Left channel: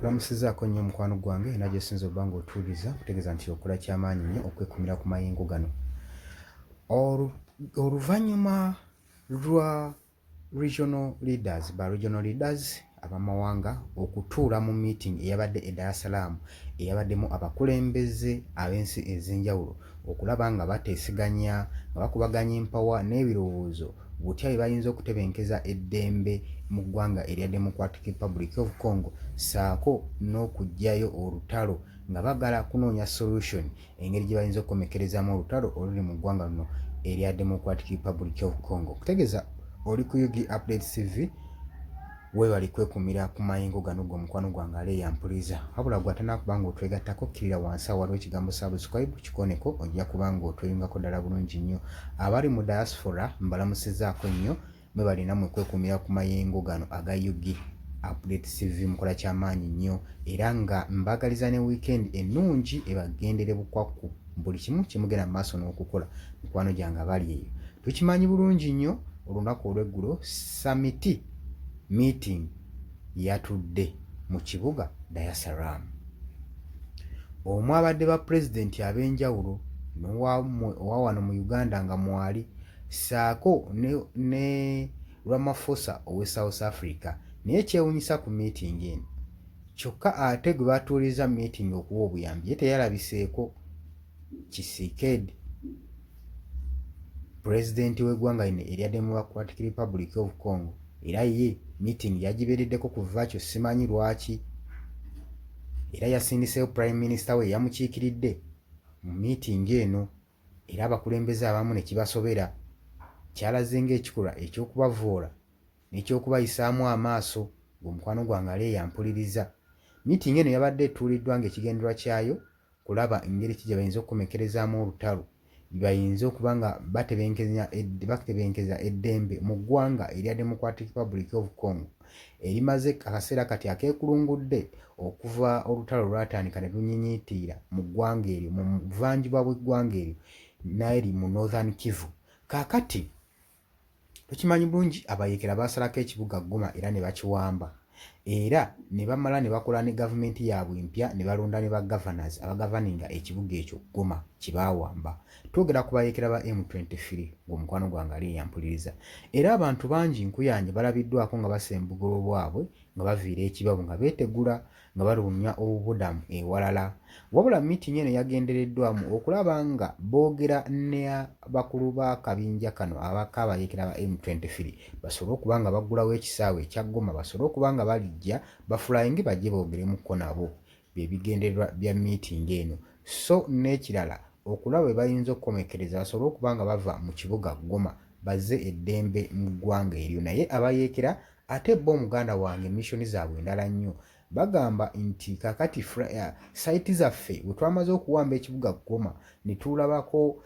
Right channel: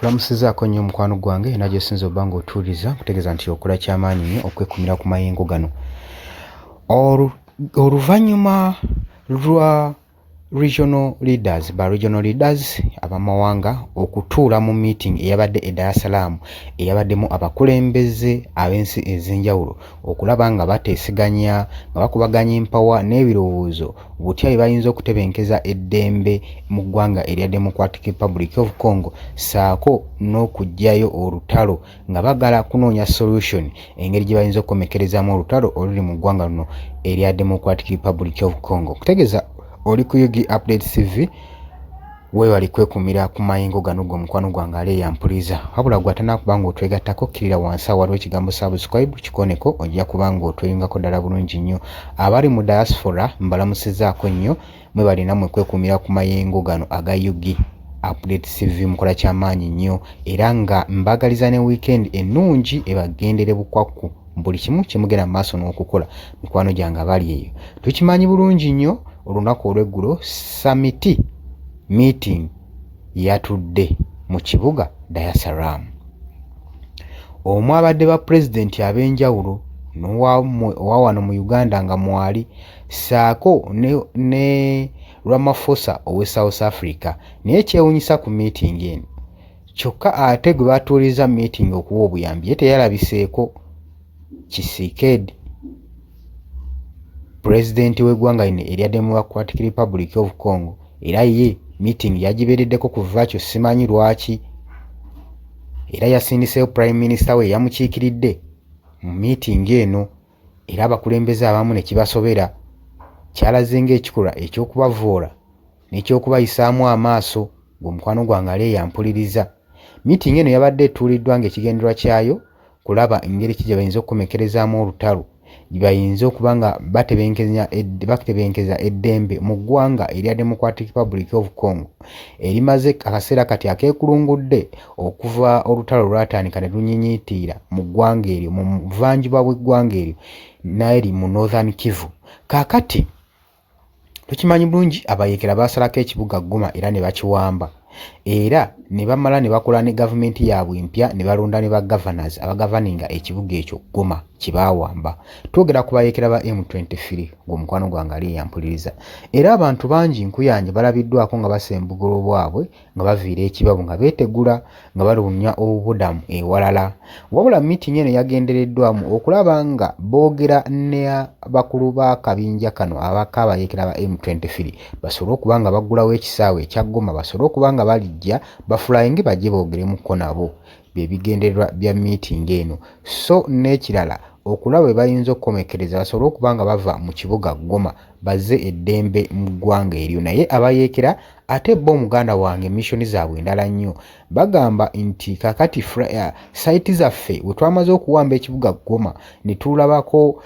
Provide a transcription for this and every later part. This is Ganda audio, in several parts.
Nkulamusizaako nnyo mukwano gwange era gy'osinza obba ng'otuuliza kutegeeza nti okola ky'amaanyi nnyo okwekumira ku mayengo gano. Oluvannyuma lwa regional leaders abamawanga okutuula mu meeting eyabadde e Dar es Salaam eyabaddemu abakulembeze ab'ensi ez'enjawulo okulaba nga bateeseganya nga bakubaganya empawa n'ebirowoozo butya bayinza okutebenkeza eddembe mu ggwanga erya Democratic Republic of Congo ssaako n'okuggyayo olutalo nga bagala kunoonya solution engeri gye bayinza okukomekerezaamu olutalo oluli mu ggwanga luno erya Democratic Republic of Congo. Kutegeeza oli ku Yugi Update TV weewali kwekumira ku mayengo gano gwe mukwano gwange ali eyampuliza wabula gwe atanakuba ng'otwegattako kkirira wansi awo waliwo ekigambo subscribe kikoneko ojja kuba ng'otweyungako ddala bulungi nnyo. Abali mu diaspora mbalamusizaako nnyo mwe balina mwe kwekumira ku mayengo gano aga Yugi Update TV mukola ky'amaanyi nnyo era nga mbagaliza ne weekend ennungi ebagendere bukwakku buli kimu kimugenda mu maaso n'okukola mikwano gyange abali eyo. Tukimanyi bulungi nnyo olunaku olw'eggulo summit meeting yatudde mu kibuga Dar es Salaam. Omwo abadde ba pulezidenti ab'enjawulo owa wano mu Uganda nga mwali ssaako ne Ramaphosa ow'e South Africa. Naye kyewuunyisa ku meeting eno kyokka ate gwe batuuliza meeting okuwa obuyambi ye teyalabiseeko. Tshisekedi pulezidenti w'eggwanga lino erya Democratic Republic of Congo era ye meeting yagibeereddeko kuva kyo simanyi lwaki era yasindiseeyo prime minister we yamukiikiridde mu meeting eno era abakulembeze abamu ne kibasobera kyalaze ng'ekikolwa eky'okubavoola n'ekyokubayisaamu amaaso ng'omukwano gwange ali eyampuliriza. Meeting eno yabadde etuuliddwa ng'ekigendererwa kyayo kulaba engeri ki gye bayinza okukomekerezaamu olutalo gye bayinza okuba nga batebenkeza eddembe mu ggwanga erya Democratic Republic of Congo erimaze akaseera kati akeekulungudde okuva olutalo lwatandika ne lunyinyiitiira mu ggwanga eryo mu buvanjuba bw'eggwanga eryo n'eri mu Northern Kivu. Kaakati tukimanyi bulungi abayeekera baasalako ekibuga Goma era ne bakiwamba era ne bamala ne bakola ne gavumenti yaabwe empya ne balonda ne ba governors abagavaninga ekibuga ekyo Goma kye baawamba. Twogera ku bayeekera ba M23 ng'omukwano gwange ali eyampuliriza era abantu bangi nkuyanja balabiddwako nga basembugola obwabwe nga baviira ekibabu nga beetegula nga balunya obubudamu ewalala. Wabula meeting eno yagendereddwamu okulaba nga boogera ne bakulu b'akabinja kano abayeekera ba M23 basobole okuba nga baggulawo ekisaawe ekya Goma basobole okuba nga balijja bafulayinge bajje boogeremukko nabo bye bigendererwa bya meeting eno. So n'ekirala okulaba bwe bayinza okukomekereza basobole okuba nga bava mu kibuga Goma bazze eddembe mu ggwanga eryo. Naye abayeekera ate bo omuganda wange missoni zaabwe endala nnyo bagamba nti kakati sayiti zaffe bwe twamaze okuwamba ekibuga Goma ne tulabako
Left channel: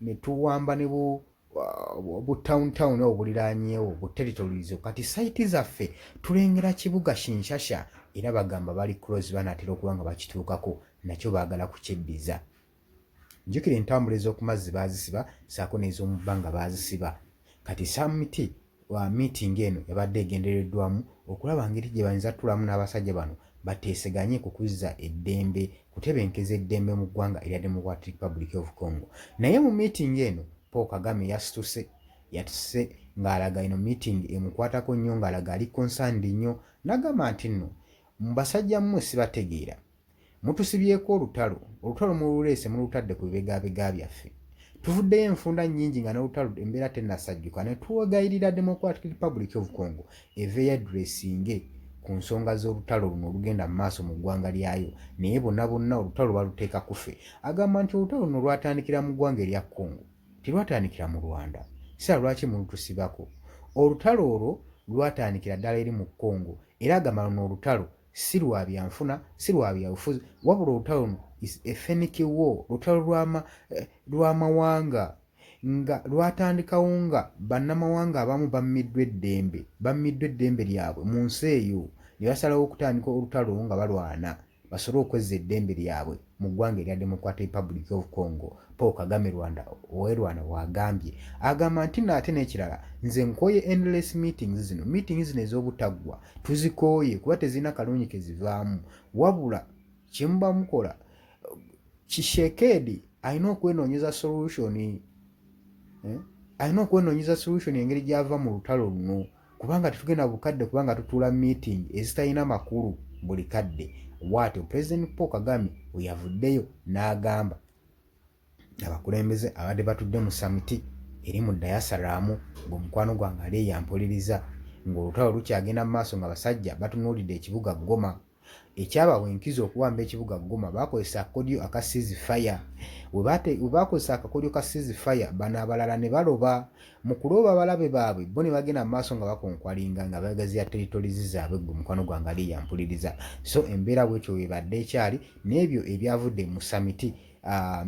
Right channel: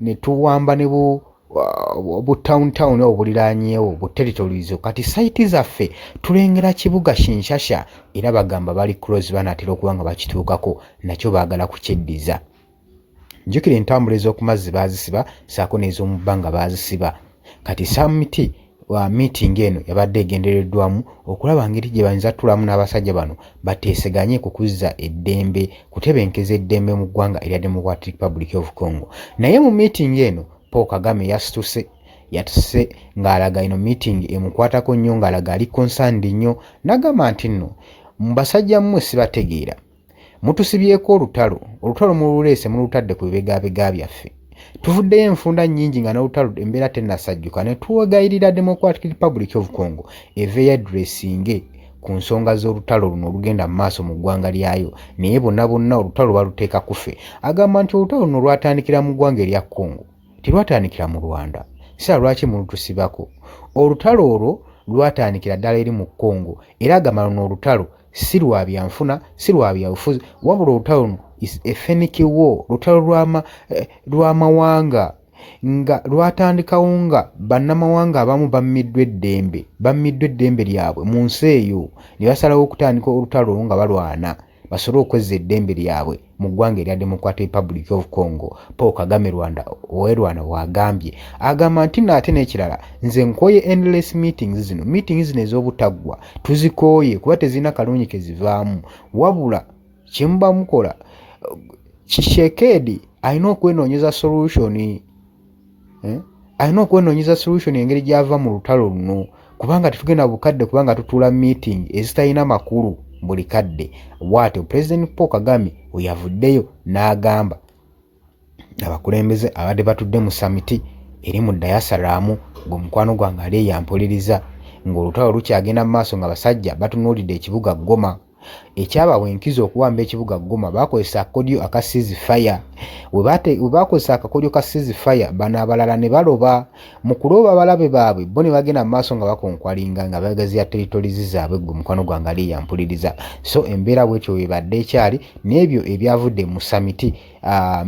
ne tuwamba ne bu town obuliraanyeewo bu territories kati sayiti zaffe tulengera kibuga Kinshasa era bagamba bali close banaatera okuba nga bakituukako nakyo baagala kukyeddiza. Njukira entambula ez'oku mazzi baazisiba saako n'ez'omu bbanga baazisiba. Kati summit meeting eno yabadde egendereddwamu okulaba ngeri gye bayinza tulamu n'abasajja bano bateeseganye ku kuzza eddembe kutebenkeza eddembe mu ggwanga erya Democratic Republic of Congo. Naye mu meeting eno Paul Kagame yatuse ng'alaga ino meeting emukwatako nnyo ng'alaga ali concerned nnyo n'agamba nti nno mbasajja mmwe sibategeera mutusibyeko olutalo mululeese mulutadde ku bibegabega byaffe tuvuddeyo enfunda nnyingi nga n'olutalo embeera tennasajjuka ne tuwegayirira Democratic Republic of Congo eve yadressinge ku nsonga z'olutalo luno olugenda mu maaso mu ggwanga lyayo naye bonna olutalo baluteeka kufe. Agamba nti olutalo luno lwatandikira mu ggwanga erya Congo tilwatandikira mu Rwanda. Sira lwaki mulutusibako? Olutalo olwo lwatandikira ddala eri mu Congo era agamba luno olutalo si lwa byanfuna si lwa byabufuzi wabula olutalo luno is a fenic war lutalo lw'amawanga nga lwatandikawo nga bannamawanga abamu bammiddwa eddembe lyabwe mu nsi eyo ne basalawo okutandika olutalo nga balwana basobole okwezza eddembe lyabwe mu ggwanga erya Democratic Republic of Congo Paul Kagame Rwanda wagambye agamba nti nate n'ekirala nze nkooye endless meetings zino ez'obutaggwa tuzikooye kuba tezirina kalungi kezivaamu wabula kyemuba mukola Tshisekedi alina okwenoonyeza solution engeri gy'ava mu lutalo luno kubanga tetugenda bukadde kubanga tutuula meeting ezitalina makulu buli kadde bw'atyo President Paul Kagame we yavuddeyo n'agamba abakulembeze abadde batudde mu samiti eri mu Dar es Salaam ng'omukwano gwange ali yampuliriza ng'olutalo lukyagenda mu maaso nga basajja batunuulidde ekibuga Goma ekyabawa enkizo okuwamba ekibuga Goma bakozesa akakodyo aka ceasefire we bakozesa akakodyo ka ceasefire bano abalala ne baloba mu kuloba abalabe baabwe bo ne bagenda mu maaso nga bakonkwalinga nga bagaziya territories zaabwe gwe mukwano gwange ali yampuliriza so embeera bwetyo webadde ekyali n'ebyo ebyavudde mu samiti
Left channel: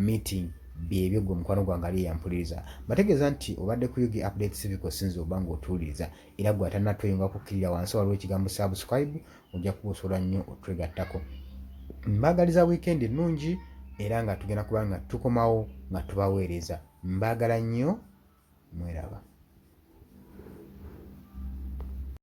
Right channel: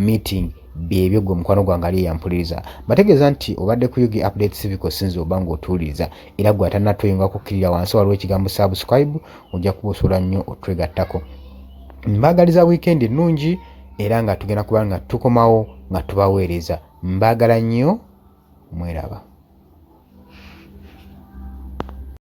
meeting byebyo gwe mukwano gwange ali yampuliriza bategeeza nti obadde ku Yugi Update Civic sinzi oba ng'otuwuliriza era gwe atannatuyinga kukkirira wansi waliwo ekigambo subscribe ojja kubusula nnyo otwegattako mbaagaliza weekend ennungi era nga tugenda kuba nga tukomawo nga tubaweereza mbaagala nnyo mweraba